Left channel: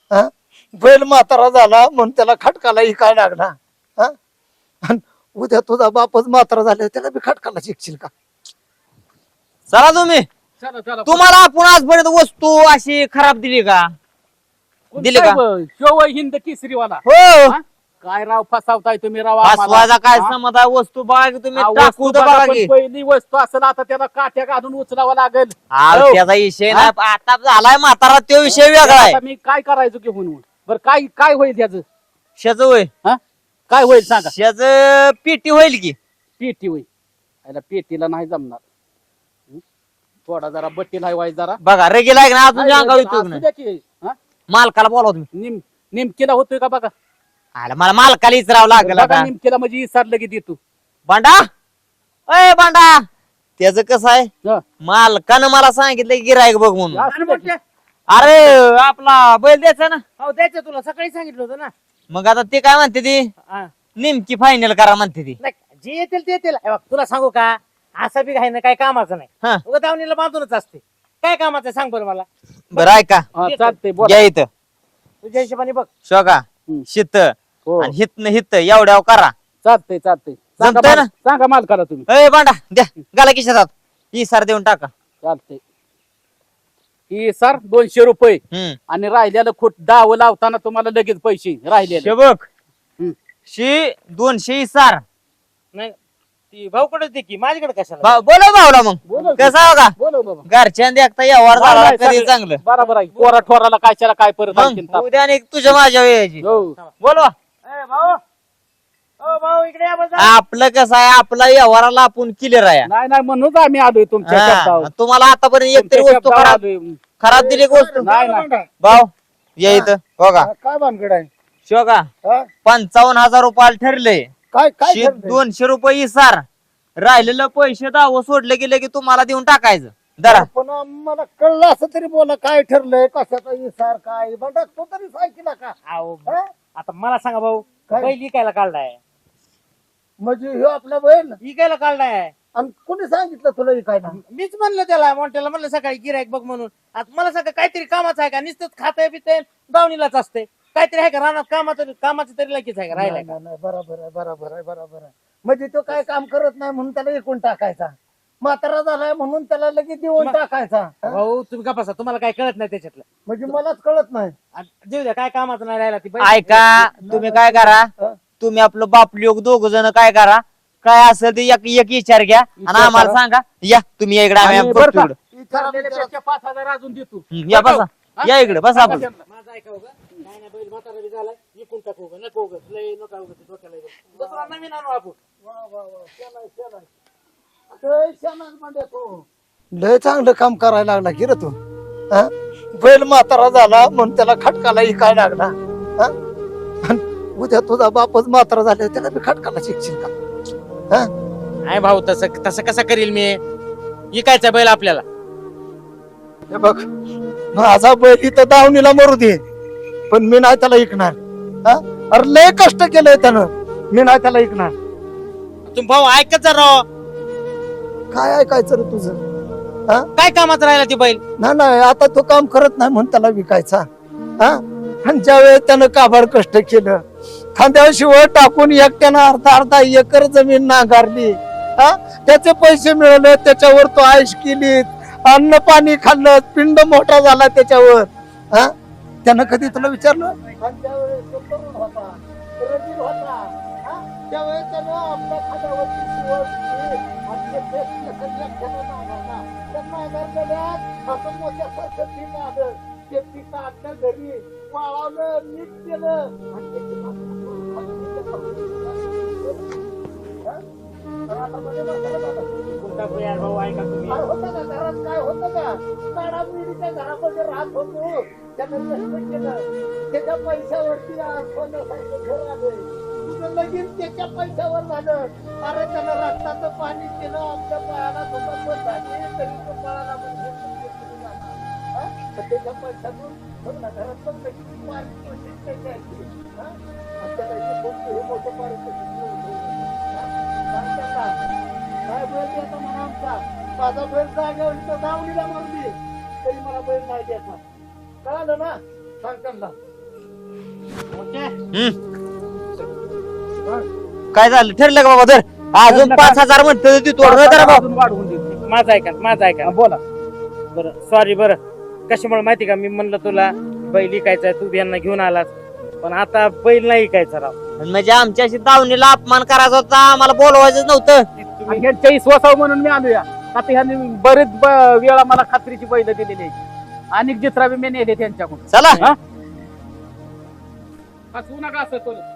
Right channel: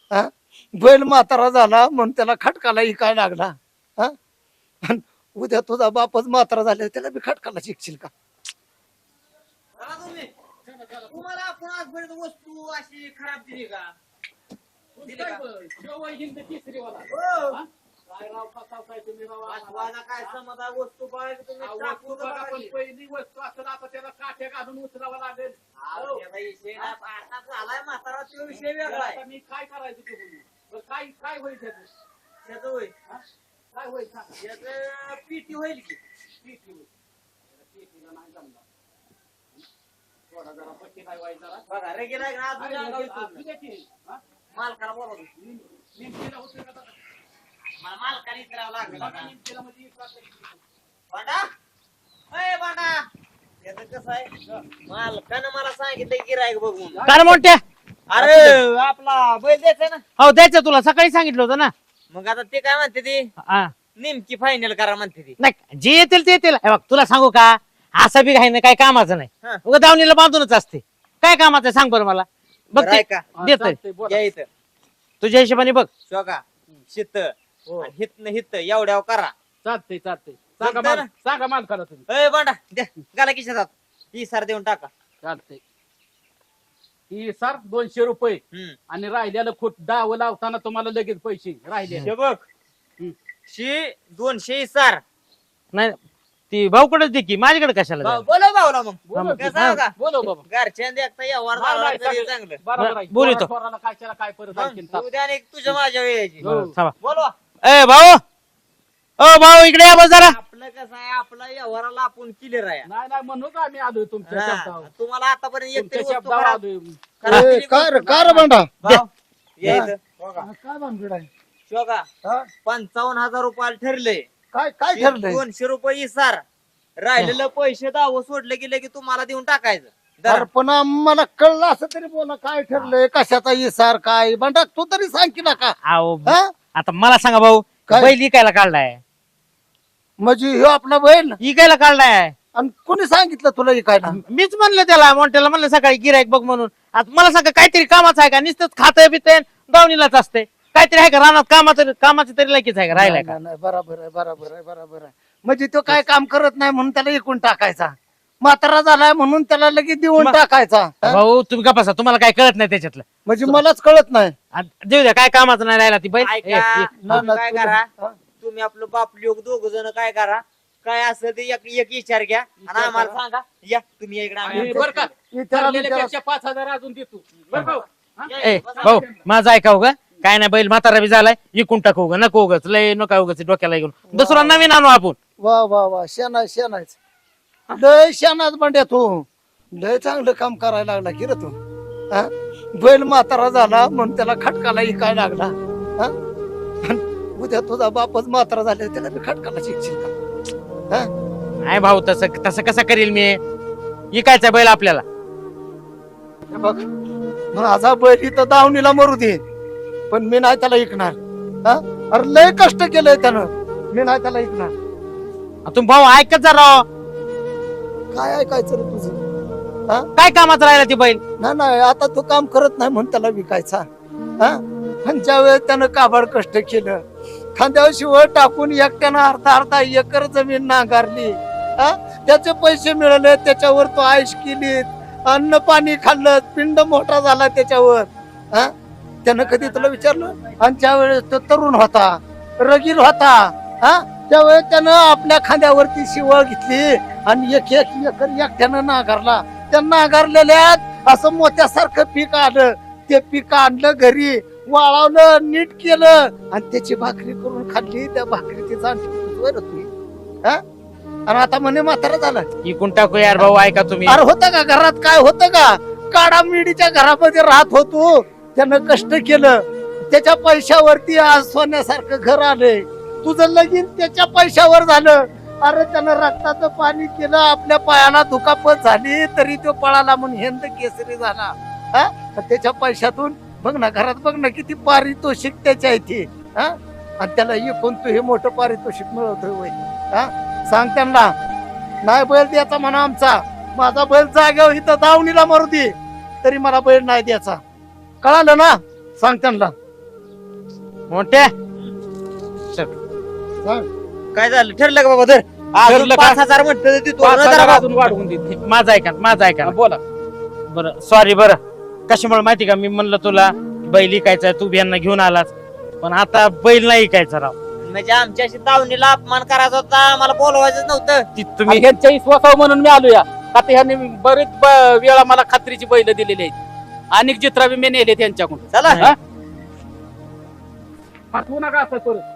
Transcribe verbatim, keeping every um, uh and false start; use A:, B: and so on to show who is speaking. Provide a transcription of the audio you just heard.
A: हा बैल म्हातारा झाला म्हणून त्याला खटकाला इकाळ लागला हा आणि उद्या तुझा बापच म्हातारा झाला त्याला बी खटकाला शिकशील का?
B: चला तुम्ही
C: चला चला
B: तुम्हाला आपण आजपर्यंत वस्तू अशी खराब दिली का? दिली का?
C: केवळ हिंद केसरीवाला
B: हो
C: हा? काय राव फसावताय तुम्ही राव आम्हाला?
B: फसवायचा काय
C: हा?
B: समज आहे? वस्तू बघा की तुम्ही
C: हा,
B: टाकू
C: वस्तू
B: तर
C: बघा,
B: बघा
C: पण
B: की
C: पहिली वस्तू असेल आता त्याला काट्या घालून उचलावा लागेल.
B: अहो,
C: हो.
B: त्याचा विषय नाही आता झालाय म्हातारा तो विषय वेगळा आहे.
C: आता मी काय करायचो की म्हणून बरं काय काय होईल त्याचं
B: शेज होय
C: हा काय होईल सांगा?
B: शेज पेटी होईल की
C: पेटी होईल याला पेटीला नाही जमणार हं? थोडा जरा बट्टीला व्हायचं जरा
B: बघा रेगेला आहे ना अजून अंगावर येतो
C: असू
B: नाही.
C: द्या की, हा?
B: मालकाला बोलाव तुम्ही.
C: निम निमकीला होतोय का बघा
B: आला मला मालकाला इचरावं लागेल
C: बघा
B: आता.
C: निमकीला म्हणजे इसार लगेच येतो
B: बांडा अय बांडा त्याच कसं आहे
C: हा.
B: मालकानं मला सांगितलं गिरायक बघ म्हणून.
C: हा.
D: काय रे मोठ्या?
B: अरे आपला बैल द्यायचा ना.
D: हो द्यायचं तुला सकाळी सांगितलं होतं ना.
B: मग आता ते काय म्हणते ती
D: हा.
B: नेमकी फायनल करा म्हणते ती.
D: नाही जे येतील ते येतील. हे बघ तुला सांगू का असं बी काही नाही काय कामाचं नाही.
B: हा.
D: उगा दावणीला बांधूनच असते. काय कामाचं आहे सांग बरं मला. बघ
B: बरं
D: ते.
B: ऐका
C: हा,
D: देत
C: चालतंय, बोला.
B: घ्या इथं
D: तुझ्या हिशोबाने बघ.
B: शोका
C: हम्म.
B: शित
C: हो.
B: आणि हित हित एवढ्या करा.
C: चालतंय चालतंय सांगा
B: जमतंय
C: माल-
B: ना?
C: सांगा माल करा तुम्ही
B: अय बांडा द्या गाला किशात इसार देऊन टाका.
C: चालतंय ही सर दोनशे रुपये
B: हम्म
C: आणि राहिलेलं खोट डाव लावताना तुम्हाला लगेच पैसे राहिलेले
B: शेबक
C: हम्म.
B: शे दोनशे इसार
D: नाही ती भाऊकडेच दे की माझ्याकडे कशाला
B: भाऊ- बोलव भाऊला मग
C: बोलव की.
B: कसा होता
C: बोलव बाबा
B: घरच्या देखता व्यवहार
C: नाही,
B: झाला
C: नाही,
B: तरी
C: सगळं-
B: चांगलं.
C: बरोबर आहे
D: बोलू
C: पोरा-
D: तो.
C: पोराला काय त्याला काय परत आणखीन
B: मग
C: ताप.
B: उद्या आणि तुझ्या माझ्या वेळेची
C: हो.
D: थांबा.
B: बोलवा
D: ए भाऊ ओ भाऊ इकडे या बस जरा.
B: आपलं कसं आहे आपला व्यवहाराला आपण क्लिअर आहे.
C: नाही नाही म्हणूनच आम्ही आलोय तुमच्या
B: हा.
C: शब्दावर.
B: तुम्हाला आतापर्यंत एक तरी
C: तुमच्या
B: वस्तू
C: शब्दावर
B: खराब
C: आलोय.
B: खराब
A: ए,
B: दिली
A: काय
B: गोष्ट
A: रे- काय रे
C: नाही,
A: बांडा
B: भाऊ ये इथं बघा
A: काय भानगड आहे
B: शोका
A: हा?
B: पंचावन्न हजार रुपयाला ठरले
A: काय काय ठरलंय?
B: दोनशे रुपये इसार राहिलेलं पैसे दाव सोडले गेले की तुम्हाला देऊन टाकायचं जरा
A: पण आम्हाला कळलं असं तरी बोला काय ठरलंय कशाचा इसार काय बंडा तू तरी सांग की नका
D: आओ,
A: हा?
D: आता मला सांगा भाऊ
A: काय?
D: बैल इकायला काढलाय
A: म्हणजे ह्यो आपला बैल
D: इकायला काढलाय.
A: आणि कोणी सांगितलं तुला हे काय ना
D: मीच म्हणलं त्याला मोठ्याला म्हणलं सकाळी गिरायक बघ म्हणून. आता मला सांगा काहीतरी कामाचं आहे का? नुसतंच खातंय बितय दावणीलाच असते. काहीतरी आहे का रानात कामाचं कामाचं तरी लायकीच आहे का राहिलाय का?
A: नाही, नाही, बरोबर आहे बरोबर आहे बरोबर आहे म्हणजे तो काय काम करत नाही म्हणून त्याला एकूण टाकायचा म्हातारा झालाय म्हणून त्याला लगेच देऊन
D: मग-
A: टाकायचा हा?
D: भाऊ तुम्ही का बसा तुम्हाला काय कळत नाही त्याच्यातलं.
A: म्हणजे मलाच कळत नाही
D: आ, देऊ द्या काय कामाचं नाही राहिला ती बैल.
B: ऐका तुम्ही काय करा
A: हा?
B: तुम्ही आपलं बाप लोक दोघ जण काय करा काय असेल ते एक एक विचार घ्या आणि आम्हाला सांगा या तुम्ही या इकडे आम्ही
C: आणि
B: बघतो
C: बरं का?
B: इकडं.
A: विचारा-
C: ठरलेल्या
A: विचारा.
C: पेक्षा पाच हजार अजून देतो
B: हम्म, या बसा या इकडे
D: ए,
B: बसा
D: भाऊ,
B: बसा.
D: माझं ऐकाव का काय नाही बैल म्हातारा बी झालाय इकून टाकू उगा नको उगाच लय नका उगाच डोक्याला घेऊन दुसरा नवीन आणू आपण.
A: वा वा वा शेणाय शेणायच लय शेणाच बंड्या तू लय चांगलं काम करायला लागला की रे तू हा? बैल म्हातारा झाला म्हणून त्याला खटकाला इकाळ लागला हा? आणि उद्या तुझा बापच म्हातारा झाला त्याला बी खटकाला शिकशील का? हा?
D: नाही भाऊ तसं तसं कसं करील मी. इकायचा बैल आपल्याला.
A: हे बघ माझा बैल इथं दावणीला मरू दे पण मी नाही त्याला ऐकणार हा? अरे लय कष्ट केलंय त्यानं मी नाही त्याला ऐकणार
D: तुम्ही भाऊ ऐकत जा राव.
A: काय ऐकायचं रे तुझं
D: काय कामाचं राहिला ती बैल.
A: नाही नाही आता तो काम करत नाही म्हणून त्याला विकायचा हा आणि ज्या वेळेस त्यानं काबाड कष्ट केलं खांद्यावर शिवळ टाकून एकट्यानं अर्धा अर्धा एकर जमीन नांगरली हा त्याचे पैसे मिळवले त्याच्यावर तो आयुष केली अन्न पाणी खाल्लं पिंड मोठा झाला त्याच्यावर हा त्यानं कधी तुला विचारलं आणि ज्या वेळेस तो तरुण होता रगीर होता हा त्यावेळेस त्यानं आपल्या खांद्यावरती शिवळ घेतली आणि एक एक एकर एकट्यानं नांगरला त्या नांगरलेल्यात असं मोत्यासारखं पीक आलं ते पीक आणलं घरी वाळवलं नीट केलं आणि त्याची भाकरी करून खाल्ली त्या भाकरीची जाणीव हा आणि आता म्हणे म्हातारा झालं
D: इकून टाकू यार भाऊ ऐका तुम्ही.
A: अरे होतं का घरात काय होतं का काडा मिडीच्या घरामध्ये राहत होतो त्यानं कष्ट केलं त्याच्या पैशावरती आज सोन्यासारखं घर आलंय तुझं लगीन त्याच्या पैशावर झालं अरे त्यानं रक्ताचं पाणी केलं आपल्या पायाला दुखापत झाली तरी तो पळाला म्हणून हिंद केसरी झाला हा त्याच्या पैशातून बघ ना घरात बघ ना किती पारितोषिक त्याच्या इथे हा आणि त्याला इकून तू हे मोठं पारितोषिक मिळवतोय हा सांग त्यांना नाही बैल द्यायचा म्हणा आमचा माझा बैल जागेवर इथं दावणीला मरू दे तरी मला बैल नाही द्यायचा कळालं ना सांग त्यांना
D: मोठ्या
B: काय झालं ठरलं का बाबा तर अजून
C: ठरलं का?
B: पाच हजार म्हणतो तू
C: पाच
B: नाही
C: हजार
B: जरा
C: अजून वाढवून देईल.
D: माझं ऐका माझं ऐका
C: हा, बोला
D: बरं सॉरी बरं कशामुळे माहिती का मी म्हणलं तुला बैल इकायचा तू बियांना घेऊन आलास पण आता बैल नाही इकायचा राव
B: म्हणजे आमच्याशी दावणीला अपमान करायचा होता आम्हाला बोलवायचं नव्हतं
D: ती
C: आणि
D: तुम्ही
C: ह्यांच्या विश्वासावर म्हणून मी आलो या आता ह्यांनी बरेच ब- वेळा मला खात्रीची बैल दिलेली आहेत अनेक जित्रा बी मी नेले त्यांच्याकडून
B: चला
C: हा? पाठवू नका असं करू